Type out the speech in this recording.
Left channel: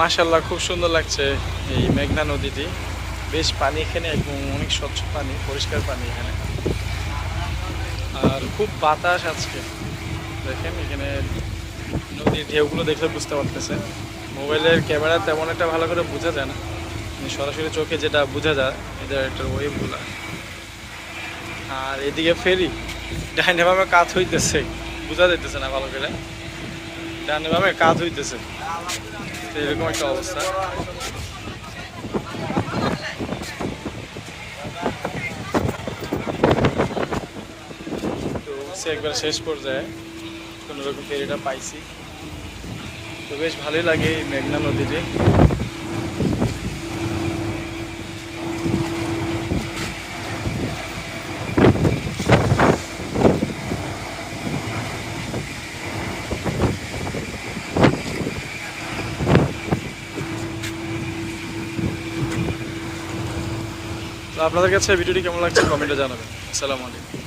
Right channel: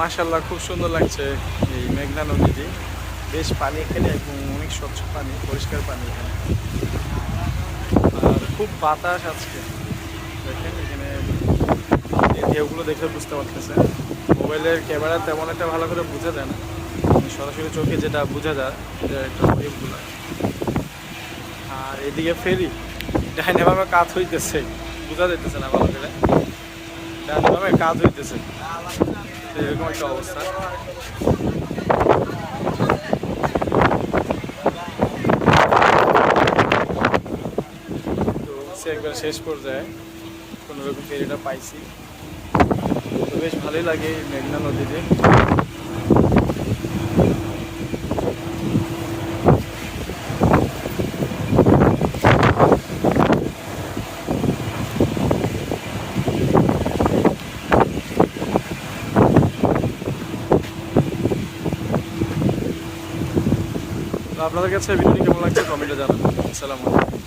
মাশাআল্লাহ খুব সুন্দর লাগছে এই মেঘনা নদীটি। বেশ পানি এখানে এবং অনেক স্বচ্ছ পানি, পরিষ্কার পানি এখানে। আর খুব বাতাস আজকে, দেখেন এখানে নদীর ঢেউগুলো দেখলে বুঝতে পারতেছেন। মোবাইলের ক্যামেরা তেমন একটা ভালো করে বোঝা যায় না, সরাসরি চোখে যেটা বোঝা যায় এটা একটা ওয়েভগুলা। আর এদিকে ফেরি ডাইনে বামে কাজ হইতেছে, বোঝা যাইতেছে না ভালো করে, ডাইনে বামে কাজ হইতেছে, তো এরকম একটা অবস্থা। তো একবার শেষ পর্যায়ে কোনো রকম ফেরিটা পাইছি, তো বেশ ভালোই লাগে এই মেঘনা নদীতে। তো আপনাদের কাছে ভিডিওটি কেমন লাগছে কমেন্টে জানাবেন। আসসালামু আলাইকুম।